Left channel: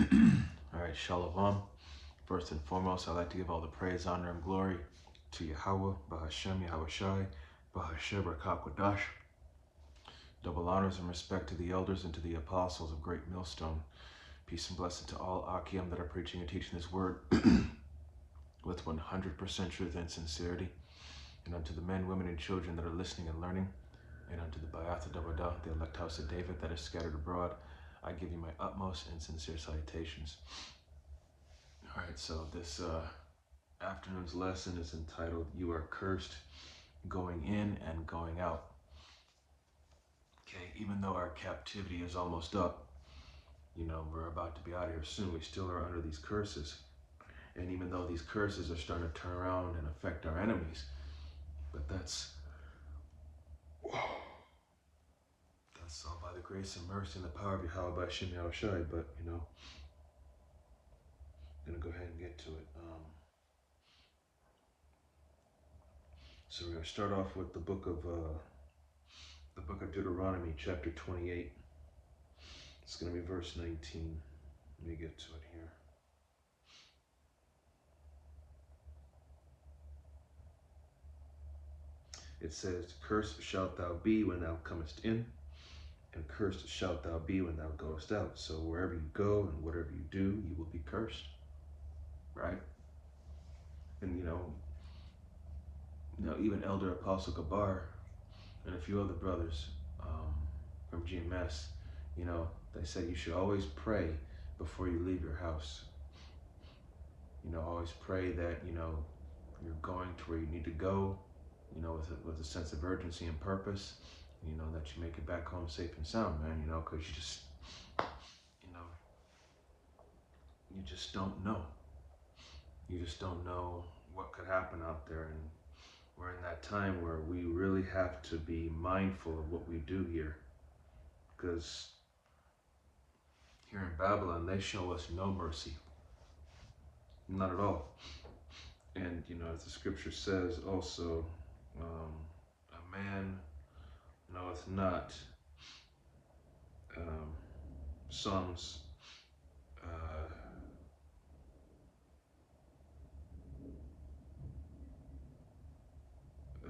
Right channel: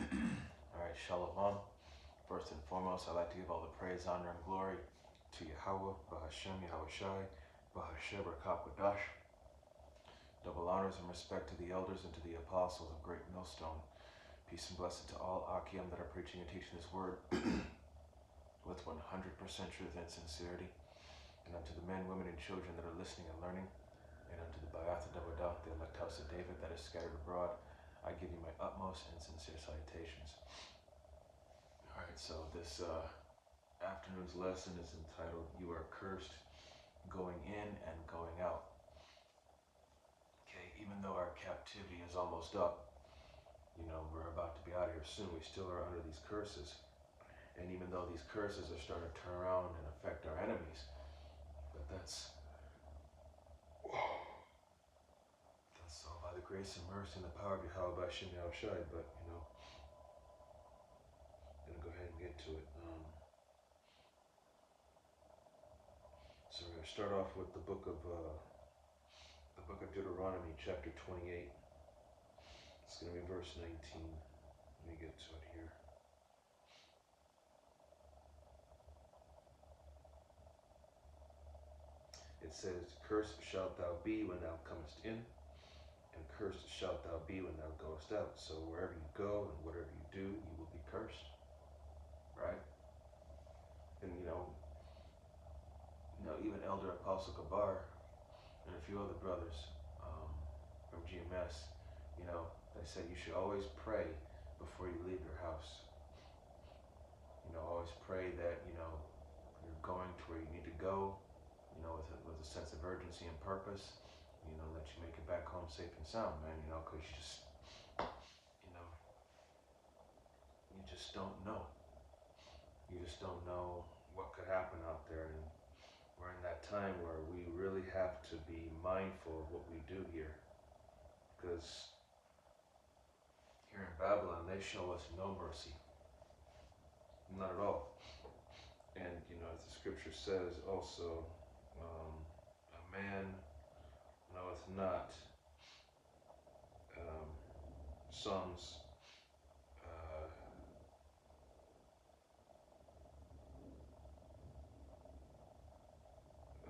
All right, Shalom. First and foremost, I'd like to give all the praise, honor, and glory to Yahweh, Bahashem, Yahweh Shai, Bahashem, Rakakwadash. Double honors and respect to the elders and to the apostles of Great Millstone. Peace and blessing to all Akim that are preaching and teaching this word with 100% truth and sincerity. And unto the men, women, and children that are listening and learning. And unto the Bayatha Dawadah, the elect house of David that is scattered abroad, I give you my utmost and sincere salutations. All right, so this afternoon's lesson is entitled, You Are Cursed Going In and Going Out. Okay, even though our captivity is almost up, you know, we're about to be out of here soon, we still are under these curses. And even though these curses are starting to turn around and affect our enemies, but that's all by the grace and mercy and the power of Yahweh Bashim Yahweh Shai. But, you know, I'm going to go ahead and get to it. So we're going to start off with the book of Deuteronomy, chapter 28. It's going to be verse 19. Let me get to it here. It says, Cursed shalt thou be when thou comest in, and cursed shalt thou be when thou goest out. So wherever you go and whatever you do, you will be cursed. Right? And you know, even Elder Apostle Gabar and a few other brothers from GMS, you know, they said you should always pray before you leave your house. You know, always pray that, you know, you're going to where you need to go, you know, with a sense of urgency and purpose, you know, that you make it back home safe and sound, man, you know, because you just, you know, you just don't know. You just don't know what could happen out there. And we're in that time where we really have to be mindful of what we do here. Because here in Babylon, they show us no mercy. Not at all. And, you know, as the scripture says also, a man knoweth not Psalms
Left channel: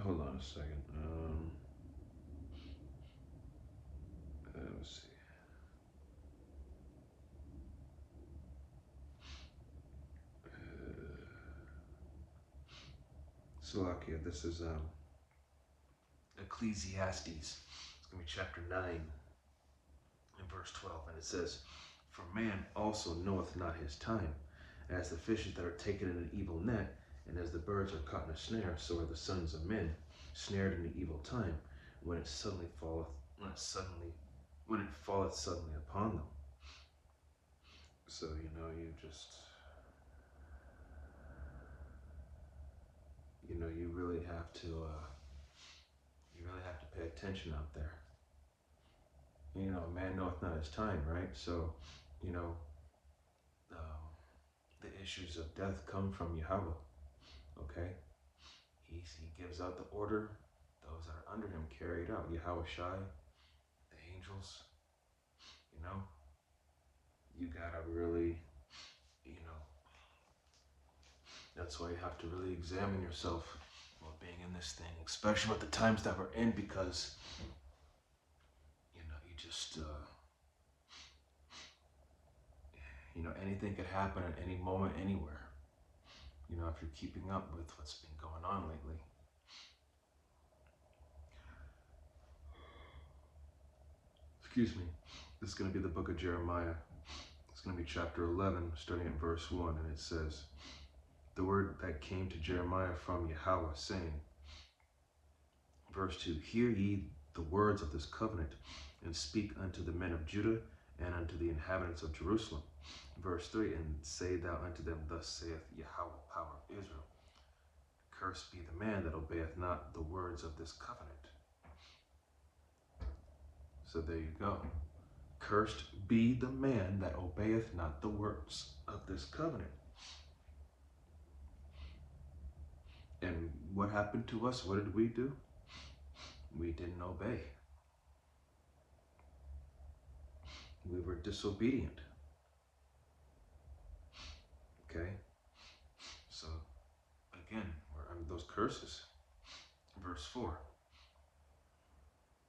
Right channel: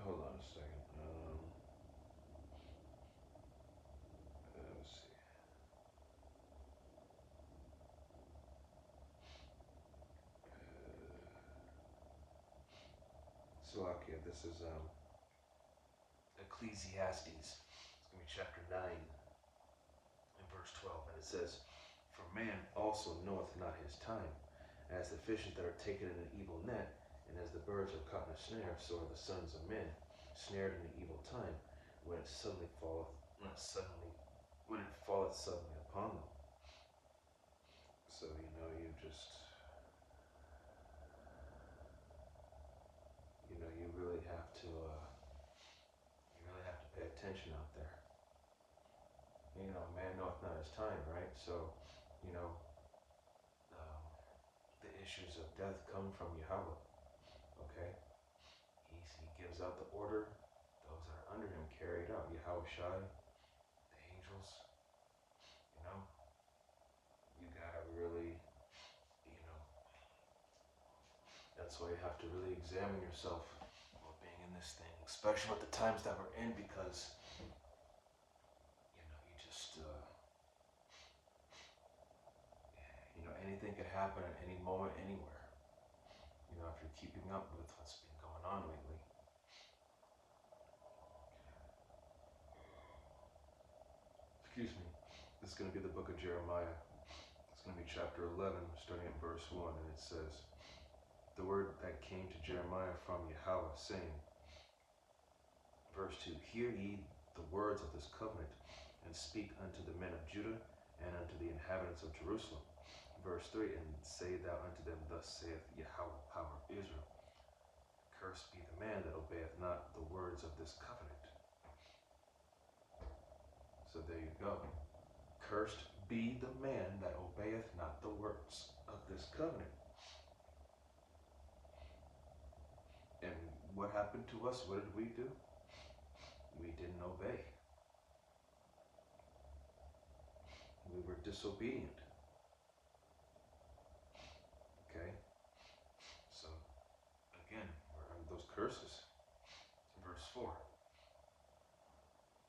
hold on a second. Let's see. Salakia, this is Ecclesiastes. It's going to be chapter 9 and verse 12. And it says, For man also knoweth not his time, as the fishes that are taken in an evil net, and as the birds are caught in a snare, so are the sons of men snared in the evil time, when it falleth suddenly upon them. So, you know, you really have to pay attention out there. And, you know, man knoweth not his time, right? So, you know, the issues of death come from Yahweh. Okay, he gives out the order. Those that are under him carry it out. Yahweh Shai, the angels. You know, you gotta really, you know, that's why you have to really examine yourself while being in this thing, especially with the times that we're in, because you know, you know, anything could happen at any moment, anywhere. You know, if you're keeping up with what's been going on lately. Excuse me. This is going to be the book of Jeremiah. It's going to be chapter 11, starting at verse 1, and it says, The word that came to Jeremiah from Yahweh, saying, verse 2, Hear ye the words of this covenant, and speak unto the men of Judah, and unto the inhabitants of Jerusalem. Verse 3, And say thou unto them, Thus saith Yahweh, power of Israel, Cursed be the man that obeyeth not the words of this covenant. So there you go. Cursed be the man that obeyeth not the words of this covenant. And what happened to us? What did we do? We didn't obey. We were disobedient. Okay? So, again, we're under those curses. Verse 4.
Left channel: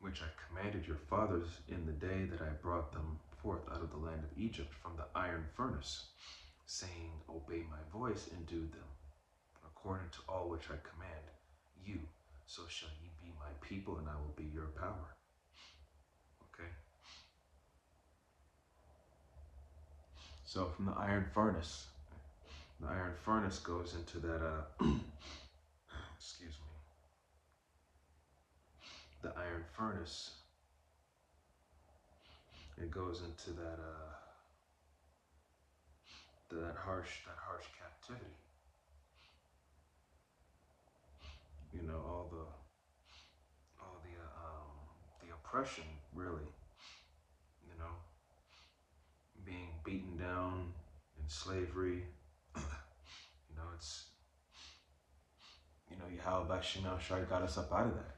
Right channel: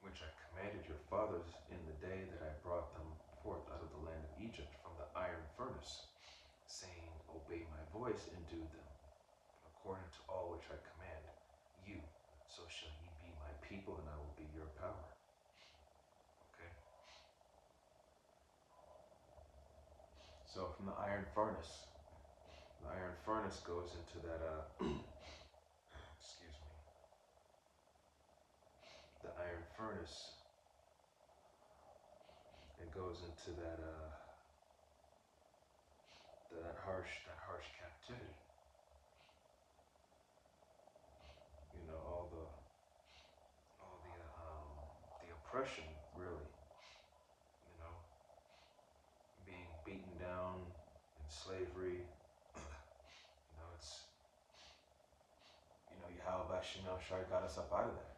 Which I commanded your fathers in the day that I brought them forth out of the land of Egypt from the iron furnace, saying, obey my voice and do them, according to all which I command you. So shall ye be my people, and I will be your power. Okay? So from the iron furnace goes into that, excuse me, the iron furnace, it goes into that, that harsh captivity. You know, all the oppression, really. You know, being beaten down in slavery. You know, it's, you know, Yahweh Shema Shai got us up out of that.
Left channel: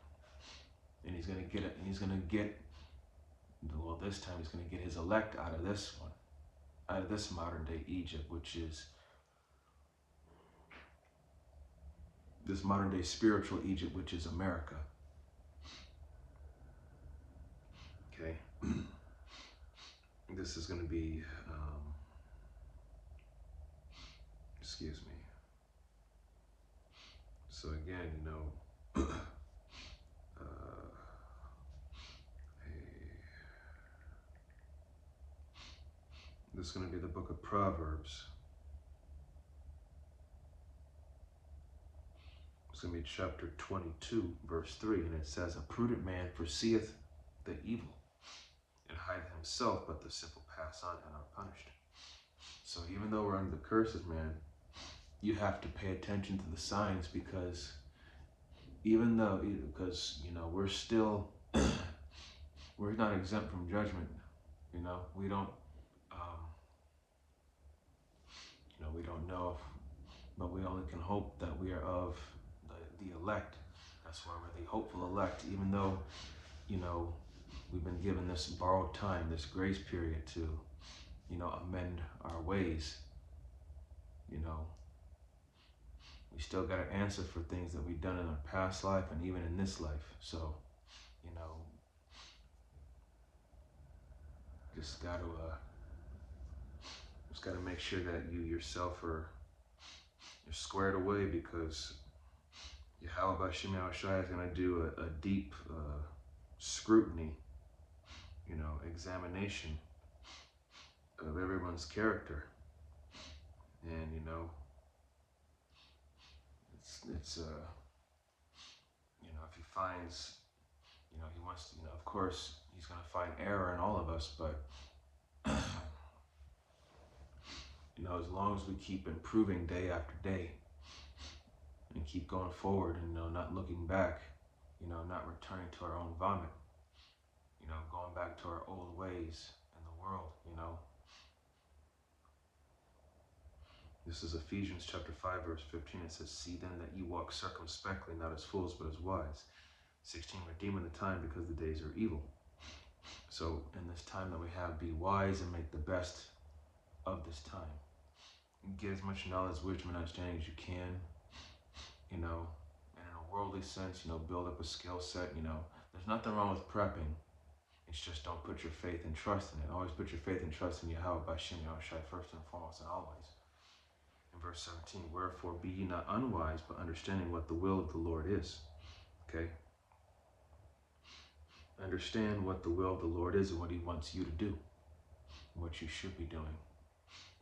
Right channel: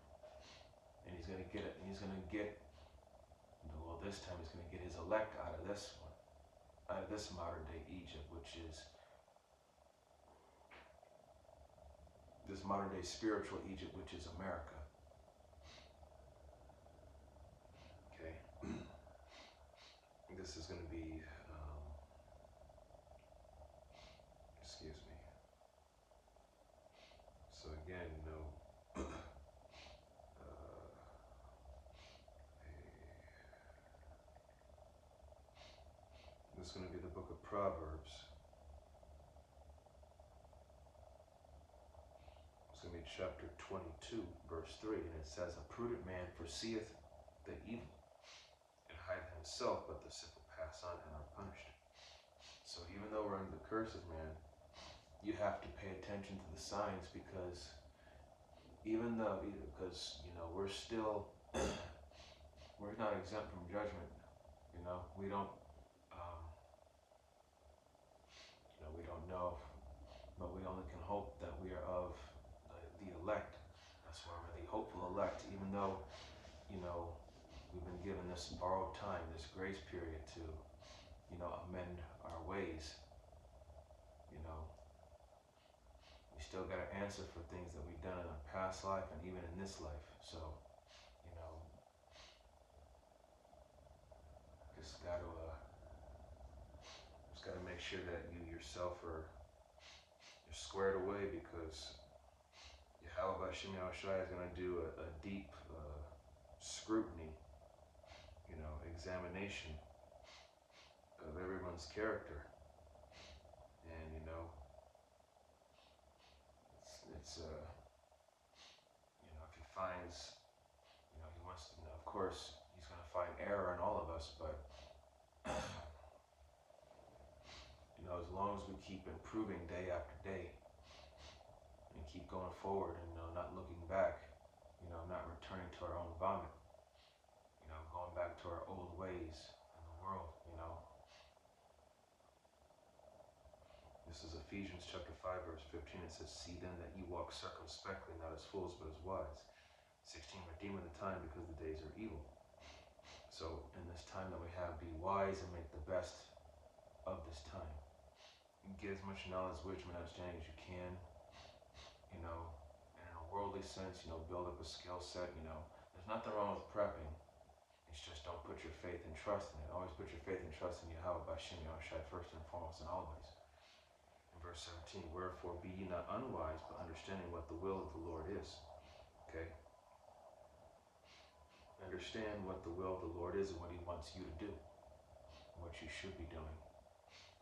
And he's going to get it, and he's going to get, well, this time he's going to get his elect out of this one, out of this modern day Egypt, which is this modern day spiritual Egypt, which is America. Okay? This is going to be, excuse me. So again, you know, this is going to be the book of Proverbs. It's going to be chapter 22, verse 3, and it says, a prudent man foreseeth the evil, and hideth himself, but the simple pass on and are punished. So even though we're under the curses, man, you have to pay attention to the signs, because even though, because, you know, we're still, we're not exempt from judgment. You know, we don't, you know, we don't know, but we only can hope that we are of the elect. That's why we're the hopeful elect, even though, you know, we've been given this borrowed time, this grace period to, you know, amend our ways. You know, we still got to answer for things that we've done in our past life and even in this life. So, you know, just got to make sure that you yourself you're squared away, because Yahweh Shema Shai is going to do a deep scrutiny, you know, examination of everyone's character. And, you know, it's you know, if he finds, you know, he wants to, you know, of course, he's going to find error in all of us, but, you know, as long as we keep improving day after day and keep going forward and, you know, not looking back, you know, not returning to our own vomit, you know, going back to our old ways in the world, you know. This is Ephesians chapter 5, verse 15. It says, see then that ye walk circumspectly, not as fools, but as wise. 16, redeeming the time, because the days are evil. So in this time that we have, be wise and make the best of this time. Get as much knowledge, wisdom, and understanding as you can, you know, and in a worldly sense, you know, build up a skill set. You know, there's nothing wrong with prepping. It's just don't put your faith and trust in it. Always put your faith and trust in Yahweh B'Shem Yahushai first and foremost and always. In verse 17, wherefore be ye not unwise, but understanding what the will of the Lord is. Okay? Understand what the will of the Lord is and what he wants you to do, what you should be doing.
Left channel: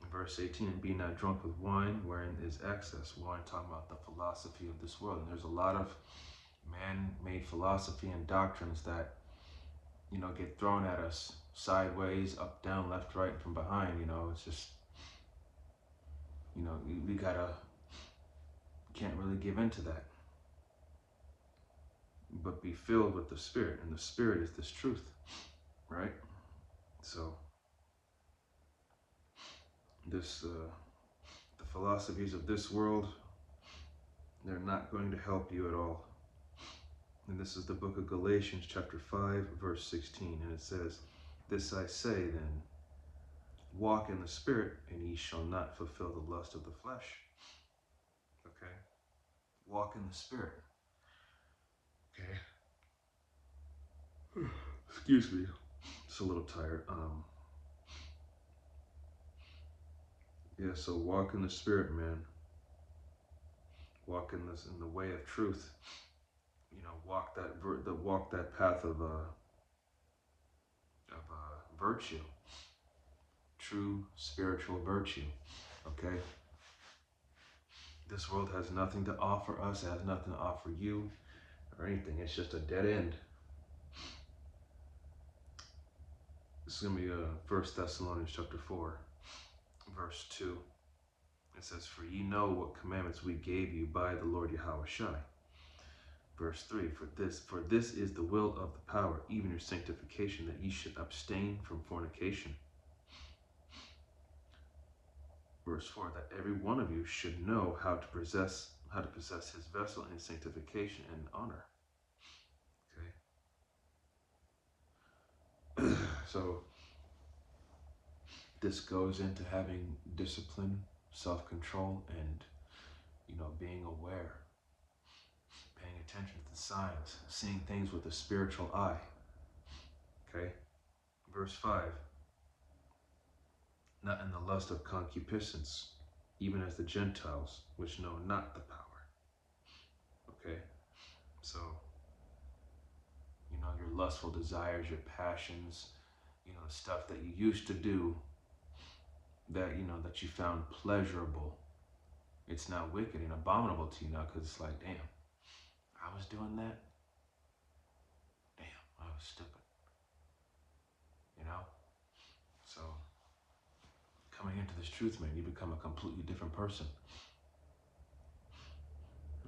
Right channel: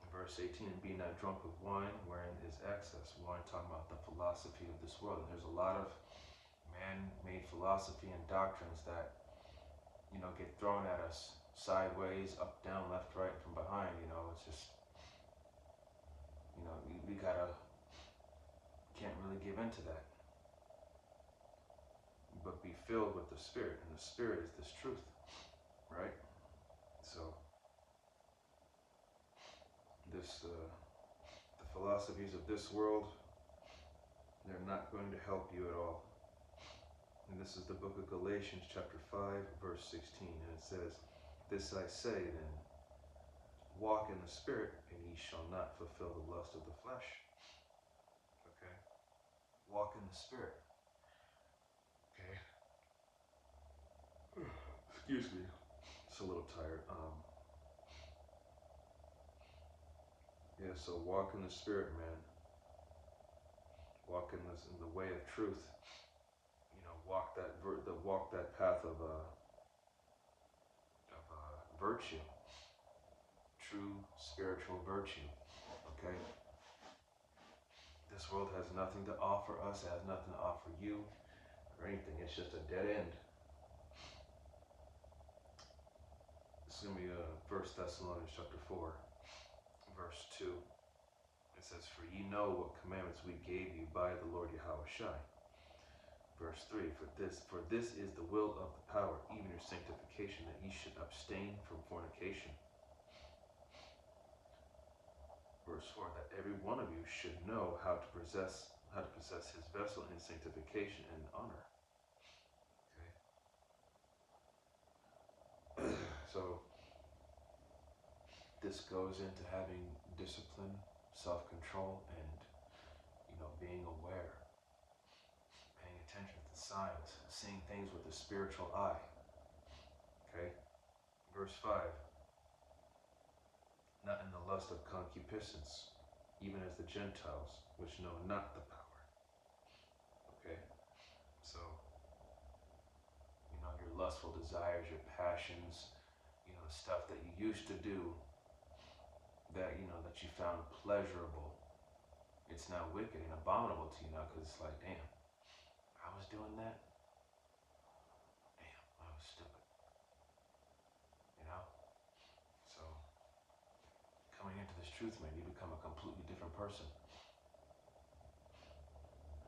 In verse 18, be not drunk with wine, wherein is excess. Wine, talking about the philosophy of this world. And there's a lot of man-made philosophy and doctrines that, you know, get thrown at us sideways, up, down, left, right, and from behind. You know, it's just, you know, we can't really give into that. But be filled with the Spirit, and the Spirit is this truth, right? So, this, the philosophies of this world, they're not going to help you at all. And this is the book of Galatians chapter 5, verse 16, and it says, this I say then, walk in the Spirit, and ye shall not fulfill the lust of the flesh. Okay? Walk in the Spirit. Okay? Excuse me. Just a little tired. Yeah, so walk in the Spirit, man. Walk in the way of truth. You know, walk that path of virtue, true spiritual virtue. Okay. This world has nothing to offer us. It has nothing to offer you or anything. It's just a dead end. This is gonna be 1 Thessalonians chapter 4, verse 2. It says, "For ye know what commandments we gave you by the Lord Yahushua." Verse 3, for this is the will of the power, even your sanctification, that ye should abstain from fornication. Verse 4, that every one of you should know how to possess his vessel in sanctification and honor. Okay. So this goes into having discipline, self-control, and, you know, being aware, paying attention to the signs, seeing things with a spiritual eye. Okay. Verse 5, not in the lust of concupiscence, even as the Gentiles, which know not the power. Okay. So, you know, your lustful desires, your passions, you know, stuff that you used to do that, you know, that you found pleasurable, it's now wicked and abominable to you now, because it's like, damn, I was doing that? Damn, I was stupid. You know? So, coming into this truth, man, you become a completely different person.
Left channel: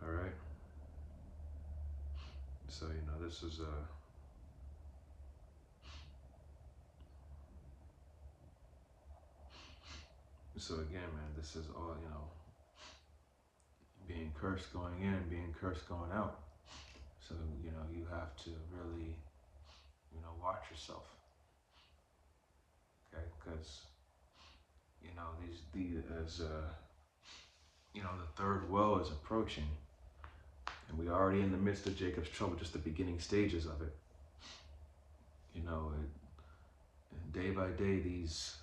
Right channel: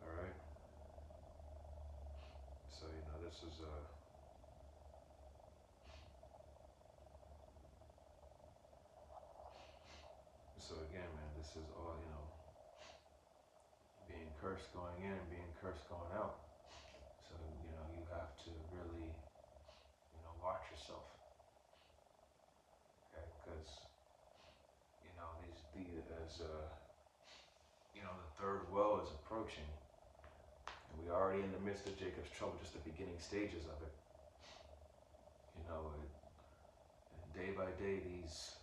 All right? So, you know, this is so again, man, this is all, you know, being cursed going in and being cursed going out. So, you know, you have to really, you know, watch yourself. Okay? Because, you know, you know, the third woe is approaching. And we're already in the midst of Jacob's trouble, just the beginning stages of it. You know, day by day, these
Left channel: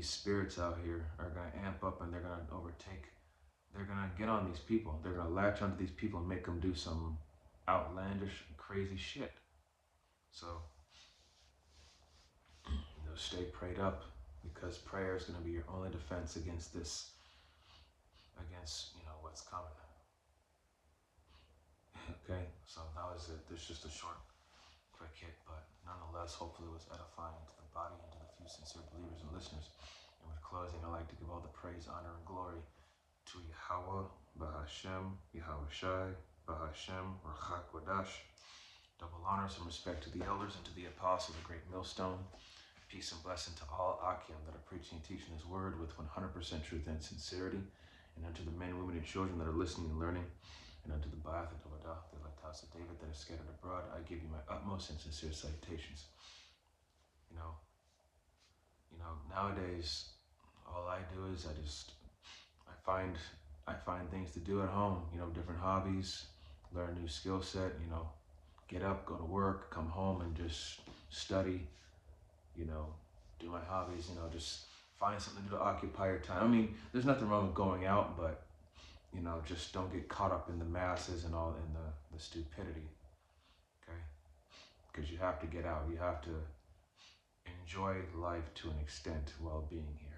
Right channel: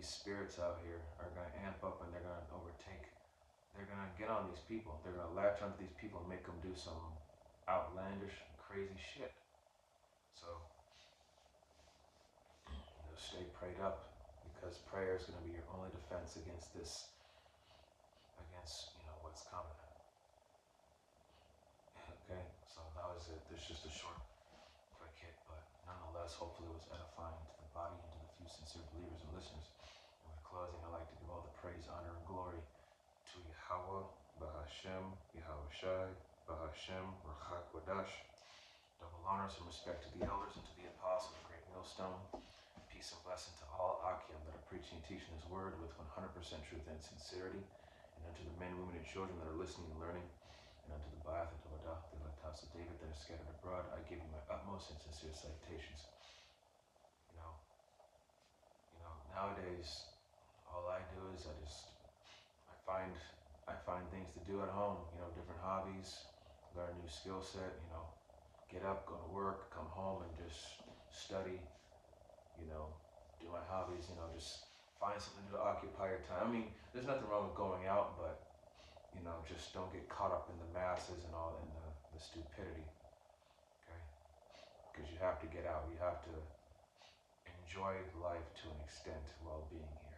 spirits out here are going to amp up, and they're going to overtake. They're going to get on these people. They're going to latch onto these people and make them do some outlandish, crazy shit. So, you know, stay prayed up, because prayer is going to be your only defense against this, against, you know, what's coming. Okay, so that was it. There's just a short, quick hit, but nonetheless, hopefully it was edifying to the body and to the few sincere believers and listeners. And with closing, I'd like to give all the praise, honor, and glory to Yahweh, Bahashem, Yahushai, Bahashem, Rachak Wadash. Double honors and respect to the elders and to the apostle, the great millstone. Peace and blessing to all Akim that are preaching and teaching this word with 100% truth and sincerity. And unto the men, women, and children that are listening and learning. And unto the Ba'ath and Tovadah, the elect house of David that is scattered abroad, I give you my utmost and sincere salutations. You know, nowadays, all I do is I find things to do at home. You know, different hobbies, learn a new skill set. You know, get up, go to work, come home, and just study. You know, do my hobbies. You know, just find something to do to occupy your time. I mean, there's nothing wrong with going out, but, you know, just don't get caught up in the masses and all in the stupidity, okay? Because you have to get out. You have to enjoy life to an extent while being here.